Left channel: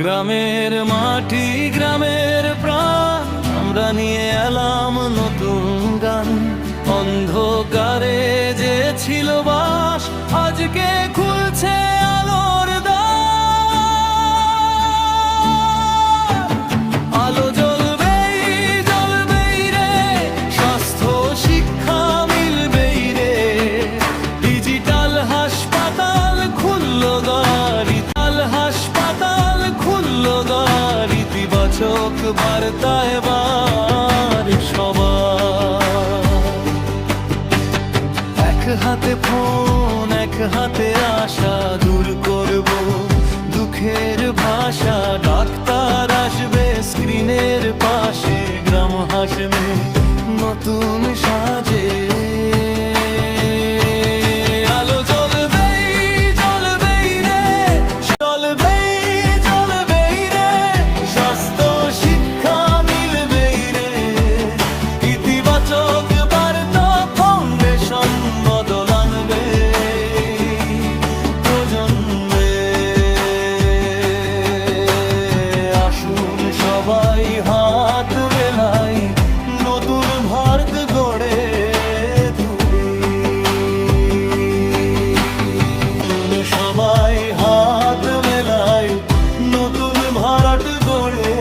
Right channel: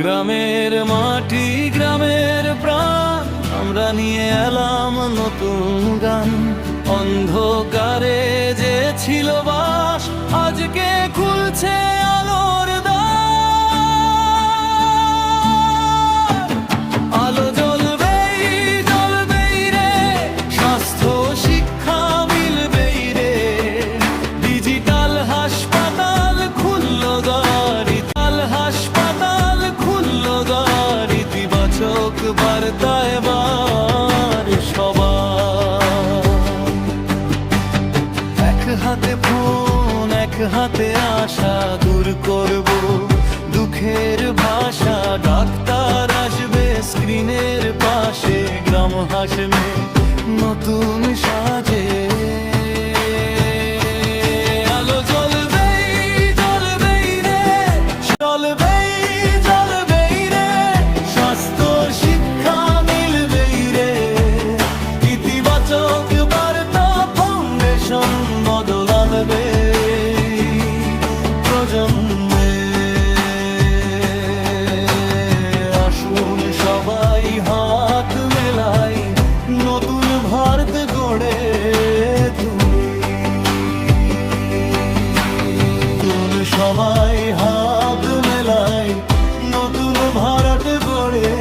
গ্রামের মাটি গ্রামের প্রাণ, আমরা নিয়ে এলাম নতুন গান। অন্ধকারে যে ছিল বাস, আজকে খুলছে আলোর দ্বার। আলো জ্বলবেই জ্বলবেই রে, স্বাস্থ্য শিক্ষা মিলবেই রে। ডিজিটাল হাসপাতাল খুললো দ্বার, হাসপাতাল খুললো দ্বার। ইতিবাচক বার্তা এবার সবার। এক হাতে ফোন এক হাতে আশা, দূর করব দুঃখের ভাষা। ডাক্তার আসবে স্ক্রিনের পাশে, গ্রাম হাসবে নতুন সাজে। আলো জ্বলবেই জ্বলবেই রে, জ্বলবেই জ্বলবেই রে। স্বাস্থ্য শিক্ষা মিলবেই রে। ইতিবাচক বার্তা ফাউন্ডেশন বদল আনবে প্রজন্মে। আসুন সবাই হাত মেলাই, নতুন ভারত গড়ে তুলি। সবাই হাত মেলাই, নতুন ভারত গড়ে